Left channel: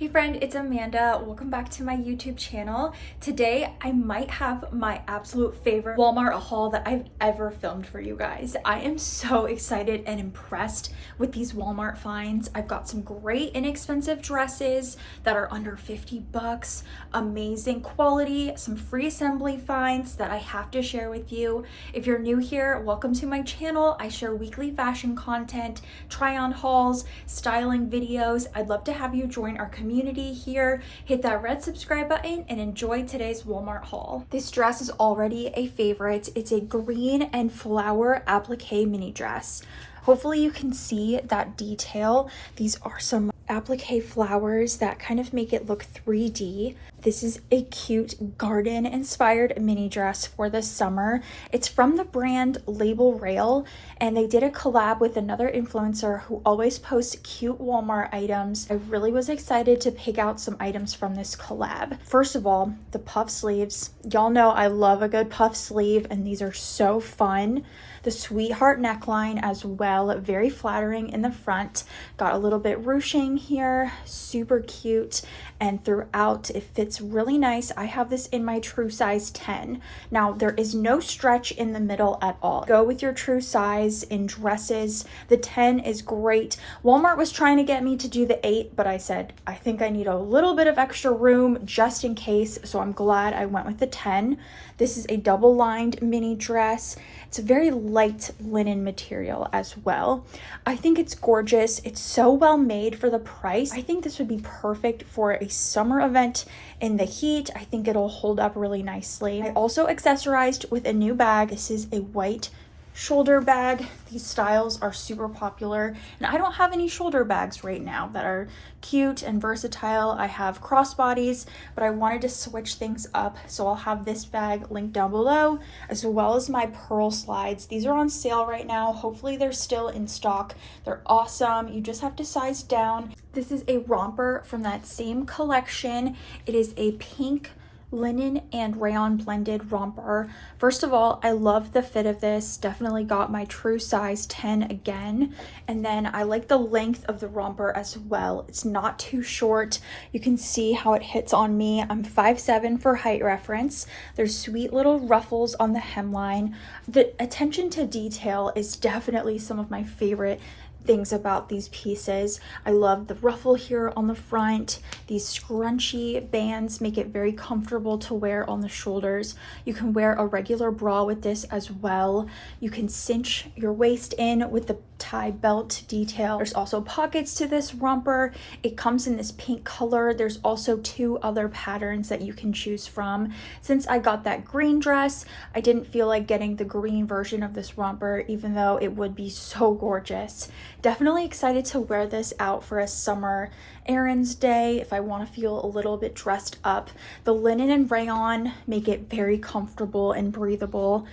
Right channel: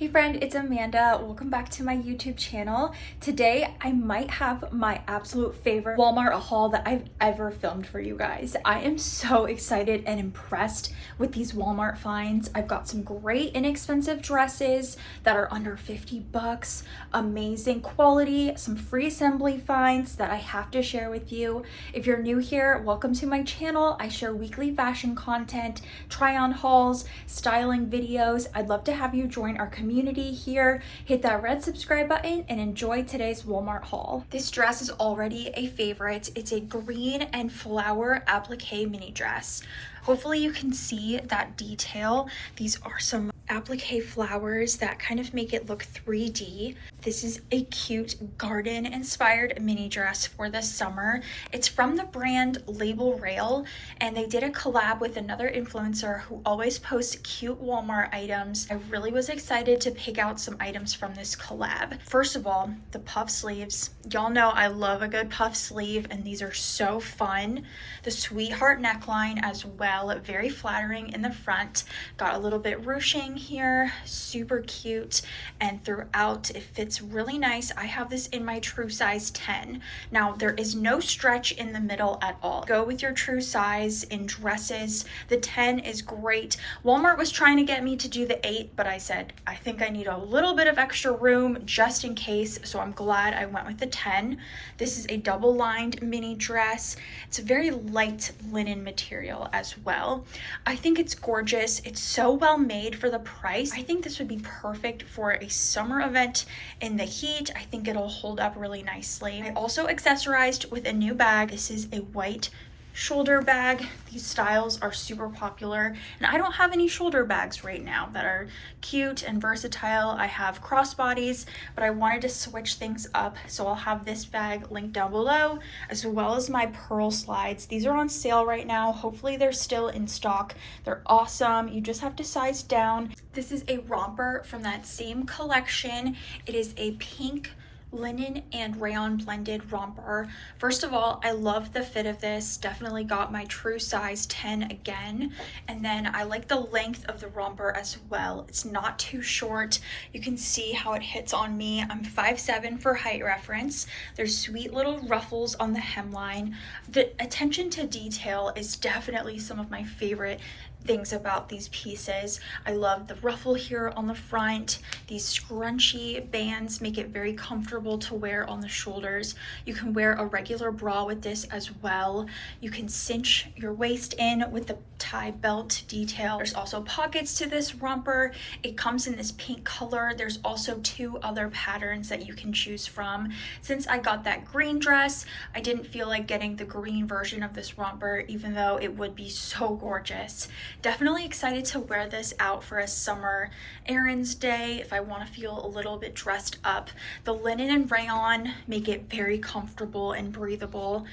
Hey friend, it's Amanda. Welcome back to my YouTube channel. Today, I might have my absolute favorite Walmart haul that I've ever filmed for you guys. I am so excited and impressed with these Walmart finds. I've got some great inexpensive dresses that are under 50 bucks, amazing quality, some free assembly finds that I have to share with you. If you're new here, welcome to my channel. I share weekly fashion content, try on hauls, styling videos. I'd love to have you join our community here. Hit that red subscribe button and enjoy today's Walmart haul. This dress is already a favorite. It's a green and flower applique mini dress. Hopefully you can see that detail. These are some applique flowers that kind of make it look 3D. This is a cute garden inspired mini dress for the summer. It's from the brand Label Rail, and they did a collab with another influencer who always posts cute Walmart items. I really was excited to pick out some items from this collab. First of all, the puff sleeves. Y'all know I love a good puff sleeve, and these are so fun. The sweetheart neckline as well, very flattering in the front. Got a little bit ruching here, super cute, and throughout it fits really nice. I have this in my true size 10. Now there is no stretch in the middle at all. Go with your true size in dresses. The 10 is great. Walmart was trying to get me to do the 8, but I said I think I need a little bit of extra room just in case, so I'm glad I went with the 10. This is a double lined mini dress. It's a very light linen material as well. I think it's gorgeous. It's so well made for the price. I think this would be perfect for a summer event in the heat. I think it'll hold up really nicely. I also accessorized with a new bag. This is a white shoulder bag. These styles are super popular, and I don't have any shoulder bags right now that are cute and versatile. I have crossbodies, but I wanted to switch things up, so I'll have this bag linked down below, as well as my pearl slides. These are on sale right now. Hopefully they're still in stock. They're awesome. You just have to size down. This is a romper from that same collection. It is a pink linen and rayon blended romper. First of all, I love the fit of this. Definitely got my true size 10 again. And then I like the length of the romper as well. It's not too short. You can see how it hits on me. I'm 5'7" for height reference. There's sweet little ruffles on the hemline. The attention to detail is definitely some of my favorite things about these pieces. I love the ruffle here on the front. These scrunchy bands make it very comfortable to wear on the shoulders. You can wear a regular bra with this as well. You can cinch your waist in with the tie belt detail. There's also pockets to this romper. It comes in this pink color. There's also 2 other patterns that you can choose from. Since I got that green dress, I didn't feel like getting the green version of this romper, even though it would be so gorgeous. Definitely excited to wear this out for a summer errands day if I want to feel a little bit dressed up. The linen and rayon make it very comfortable and breathable.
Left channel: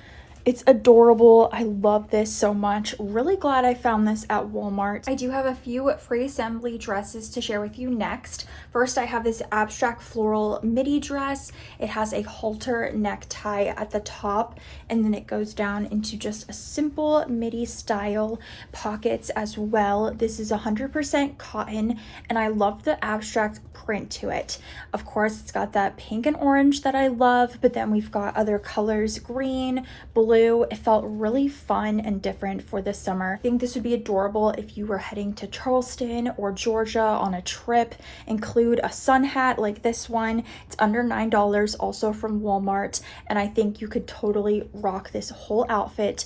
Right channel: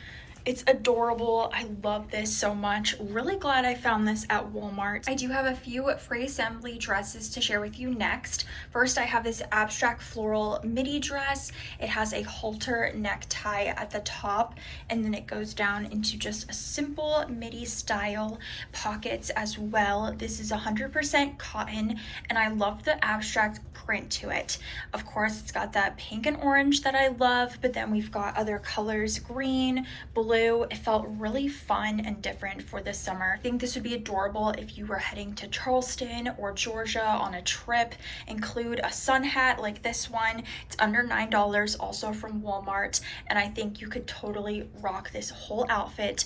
It's adorable. I love this so much. Really glad I found this at Walmart. I do have a few free assembly dresses to share with you next. First, I have this abstract floral midi dress. It has a halter necktie at the top, and then it goes down into just a simple midi style, pockets as well. This is 100% cotton, and I love the abstract print to it. Of course, it's got that pink and orange that I love, but then we've got other colors, green, blue. It felt really fun and different for the summer. I think this would be adorable if you were heading to Charleston or Georgia on a trip. Include a sun hat like this one. It's under $9, also from Walmart, and I think you could totally rock this whole outfit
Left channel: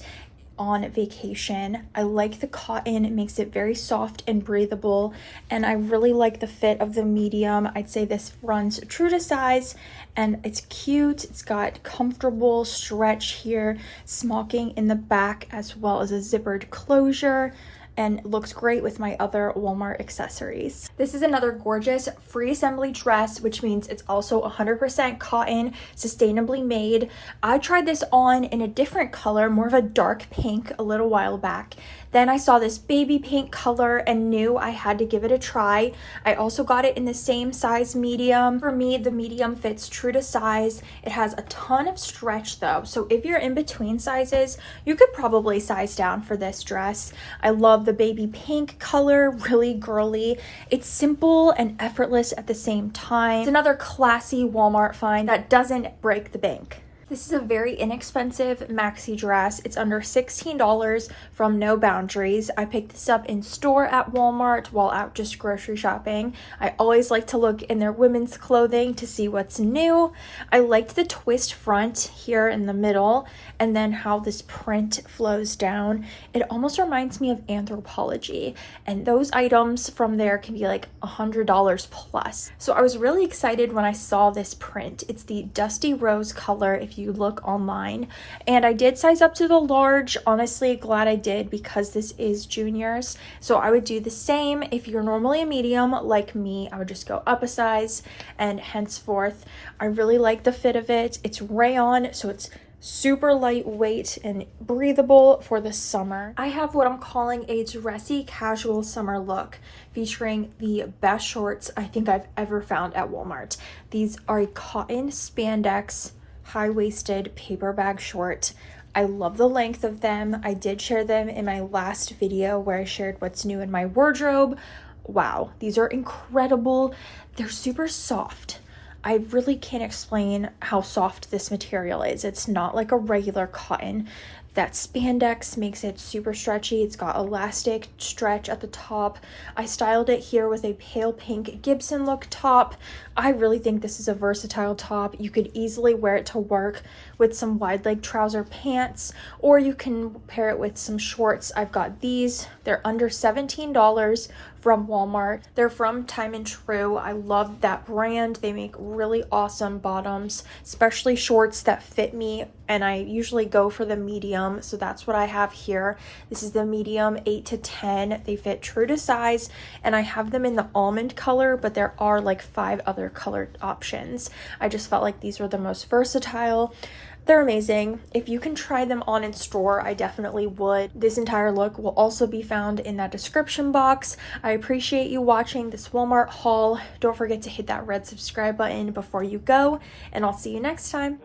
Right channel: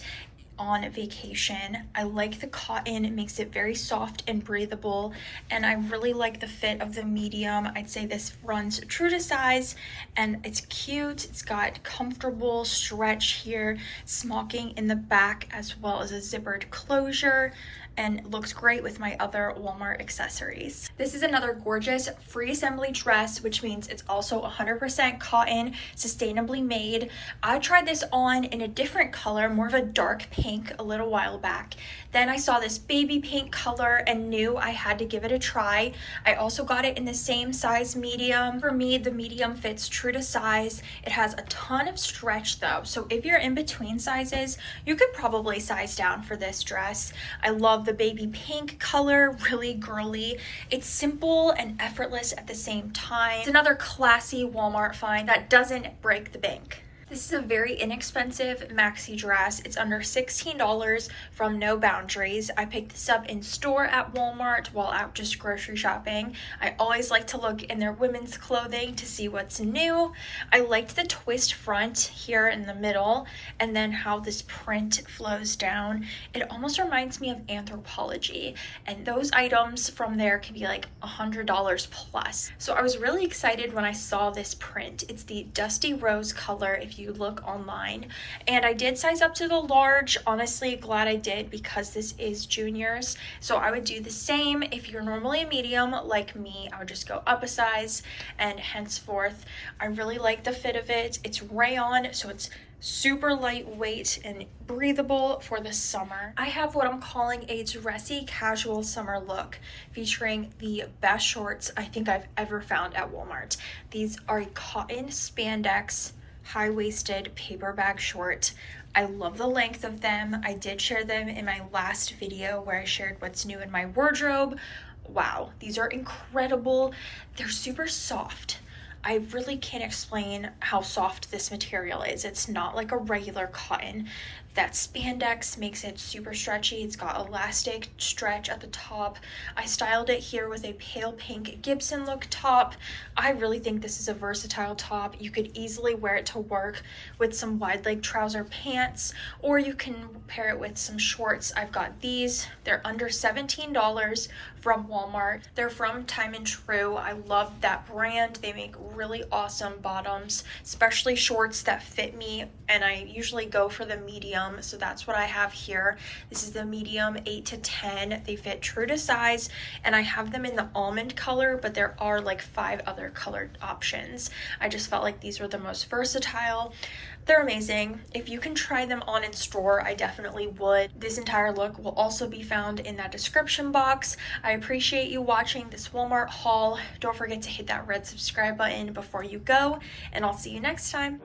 on vacation. I like the cotton. It makes it very soft and breathable, and I really like the fit of the medium. I'd say this runs true to size, and it's cute. It's got comfortable stretch here, smocking in the back, as well as a zippered closure, and looks great with my other Walmart accessories. This is another gorgeous free assembly dress, which means it's also 100% cotton, sustainably made. I tried this on in a different color, more of a dark pink, a little while back. Then I saw this baby pink color and knew I had to give it a try. I also got it in the same size medium. For me, the medium fits true to size. It has a ton of stretch though, so if you're in between sizes, you could probably size down for this dress. I love love the baby pink color, really girly. It's simple and effortless at the same time. It's another classy Walmart find that doesn't break the bank. This is a very inexpensive maxi dress. It's under $16 from No Boundaries. I picked this up in store at Walmart while out just grocery shopping. I always like to look in their women's clothing to see what's new. I liked the twist front here in the middle and then how this print flows down. It almost reminds me of Anthropologie, and those items from there can be like $100 plus. So I was really excited when I saw this print. It's the dusty rose color if you look online, and I did size up to the large. Honestly, glad I did because this is juniors, so I would do the same. If you're normally a medium like me, I would just go up a size, and henceforth I really like the fit of it. It's rayon, so it's super lightweight and breathable for the summer. I have what I'm calling a dressy casual summer look, featuring the best shorts I think I've ever found at Walmart. These are a cotton spandex high-waisted paper bag short. I love the length of them. I did share them in my last video where I shared what's new in my wardrobe. Wow, these are incredible. They're super soft. I really can't explain how soft this material is. It's not like a regular cotton. That spandex makes it super stretchy. It's got elastic stretch at the top. I styled it here with a pale pink Gibson look top. I really think this is a versatile top. You could easily wear it to work with some wide leg trouser pants, or you can pair it with some shorts. I've got these. They're under $17 from Walmart. They're from Time and True. I love that brand. They make really awesome bottoms, especially shorts that fit me, and I usually go for the medium, so that's what I have here. This is the medium 8 to 10. They fit true to size, and I have them in the almond color, but there are like 5 other colored options. I just felt like these were the most versatile. They're amazing. If you can try them on in store, I definitely would. This entire look will also be found in that description box. I appreciate you watching this Walmart haul. Don't forget to hit that red subscribe button before you go, and I'll see you next time.